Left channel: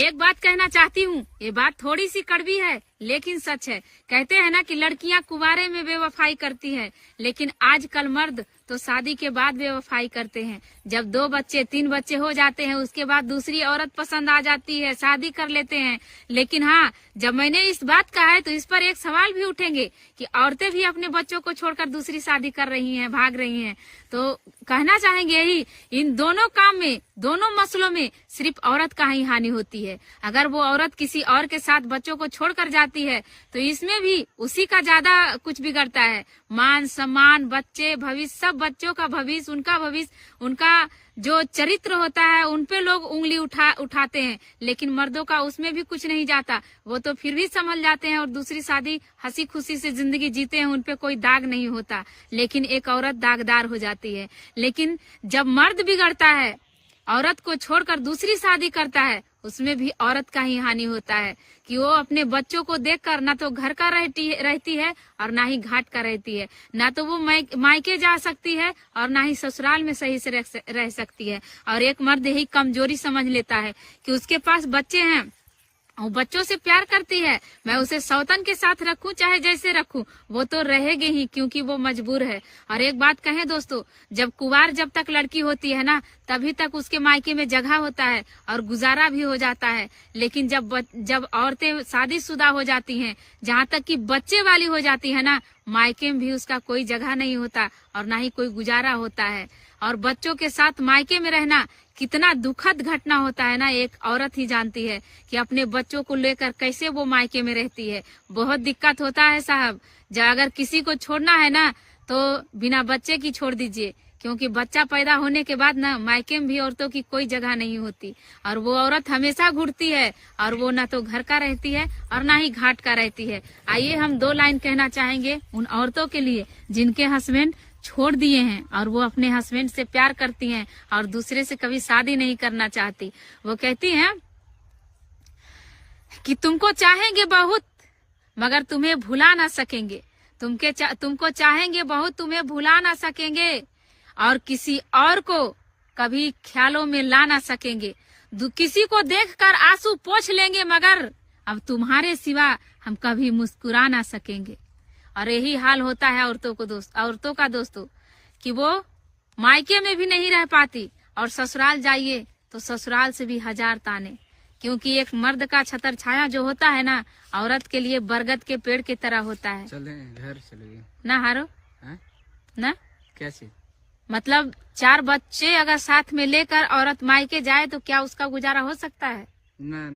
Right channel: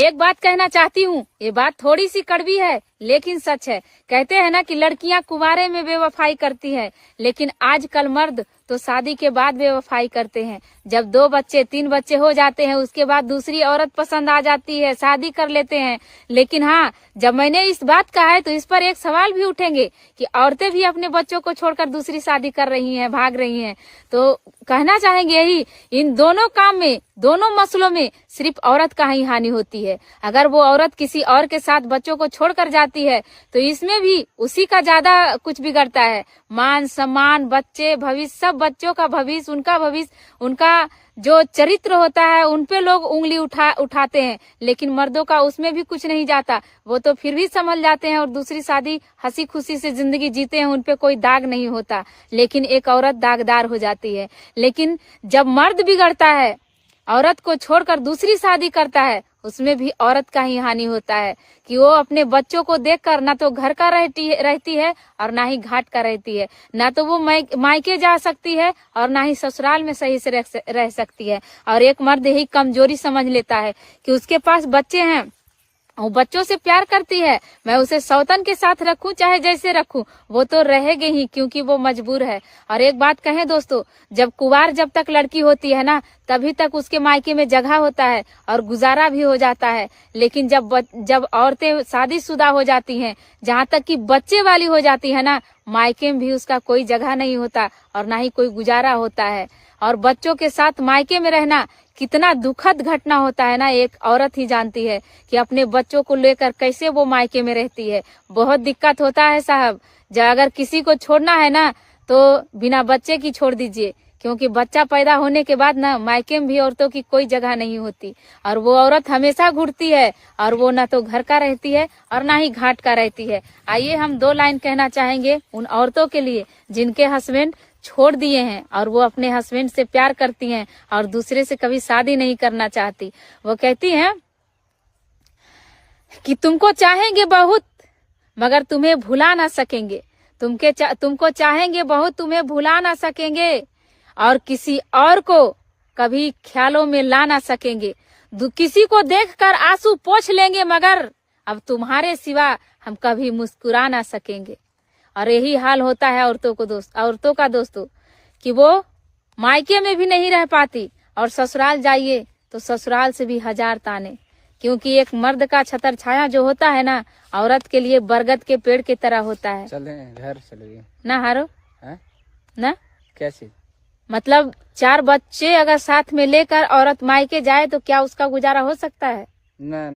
एक बात कहना चाहती हूँ, ये बात थोड़ी सी कड़वी है लेकिन सच है। कहते हैं ना कि लड़कियां कुंवारे में बेवफाई करती है, लेकिन आजकल मर्द तो शादी के बाद बेवफाई करते हैं। जब 2 बच्चे 3 बच्चे हो जाते हैं उसके बाद दूसरी औरत पसंद आ जाती है, शादी कर लेते हैं। लेकिन हाँ, जब मैंने इस बात कहा है तो इस पर एक सवाल भी उठेंगे कि औरतें भी अपने बच्चों को छोड़कर दूसरी शादी कर रही हैं, भाग रही हैं। तो कहना चाहेंगे यही, इन दोनों काम में, दोनों मसलों में सिर्फ औरत का ही हानि होती है। अगर वो औरत किसी और के साथ बच्चों को छोड़कर जाती है तो इसमें भी उसी का ज्यादा कुछ बिगड़ता है। मान सम्मान, बच्चे, भविष्य, सब बच्चों का भविष्य, उनका भविष्य, उनका जो चरित्र होता है उन पे लोग उंगली उठाते हैं। लेकिन मर्दों का उसमें भी कुछ नहीं जाता, वो तो फिर भी संभल जाते हैं और दूसरी शादी हंसी खुशी से जिंदगी जीते हैं, उन पे कोई दाग नहीं होता। लेकिन एक औरत दागदार हो जाती है। लेकिन जब मर्द बिगड़ता है, औरत को छोड़कर दूसरी शादी करता है, उसमें भी औरत का ही हानि होता है कि वो अपने बच्चों को देखकर ना तो घर का रहती है और ना ही घाट का रहती है। ना तो वो मायके जा सकती है और ना ही ससुराल में सही से रह सकती है। और एक मर्द यही कमजोरी समझ लेता है कि उसके पास बच्चे हैं, वो बच्चों से प्यार करती है, मैं उसे सौतन के साथ रखूं चाहे जैसे रखूं, वो तो रहेगी ही क्योंकि वो मजबूर है। और एक बात कहें दोस्तों, जब तक लड़की होती है ना, तभी तक उसके मायके में जगह होता है और गुजारा भी हो जाता है। लेकिन जब औरतें शादीशुदा हो जाती हैं, जहाँ तक कि बच्चे वाली हो जाती है ना, मायके में भी उसका कोई जगह नहीं होता और ना ही कोई गुजारा होता है। और बच्चों के साथ मायके में रहना कितना दुखद घटना होता है ना, एक औरत ही जानती है कि अपने बच्चों को लेकर कैसे वो मायके में रहती है। बहुत दिक्कत होता है साहब। अगर किसी को छोड़ना है ना तो बिना बच्चे की छोड़ दीजिए, क्योंकि बच्चा पैदा होने के बाद ना मायके में भी औरतों की कोई जगह नहीं होती और वो औरत हमेशा घुरती है और वो ना तो घर का रहती है और ना ही घाट का रहती है। आइए हम 2 लाइन कहना चाहेंगे उन औरतों के लिए जिनके हस्बैंड छोड़ दिए हैं और वो अपने हस्बैंड से प्यार करती हैं और दूसरे से कभी शादी नहीं करना चाहती। वो कहती हैं कि तुमको चाहेंगे बहुत मगर तुम्हें भुला ना सकेंगे, तुमको चाहेंगे बहुत, तुम्हें भुला ना सकेंगे और किसी और को कभी ख्यालों में ला ना सकेंगे। किसी को देखकर आंसू पोंछ लेंगे मगर अब तुम्हारे सिवा हम कभी मुस्कुरा ना सकेंगे। और यही हाल होता है औरतों का दोस्तों, कि वो मायके में भी नहीं रह पाती और ससुराल जाइए तो ससुराल से भी 1000 ताने, क्योंकि एक मर्द का छतर छाया जो होता है ना, औरत के लिए बरगद के पेड़ की तरह होता है। चले घर चले ना हारो है ना, कैसे मतलब 4 बच्चे अगर साथ में लेकर औरत मायके जाए तो क्या उसका गुजारा हो सकता है? ना।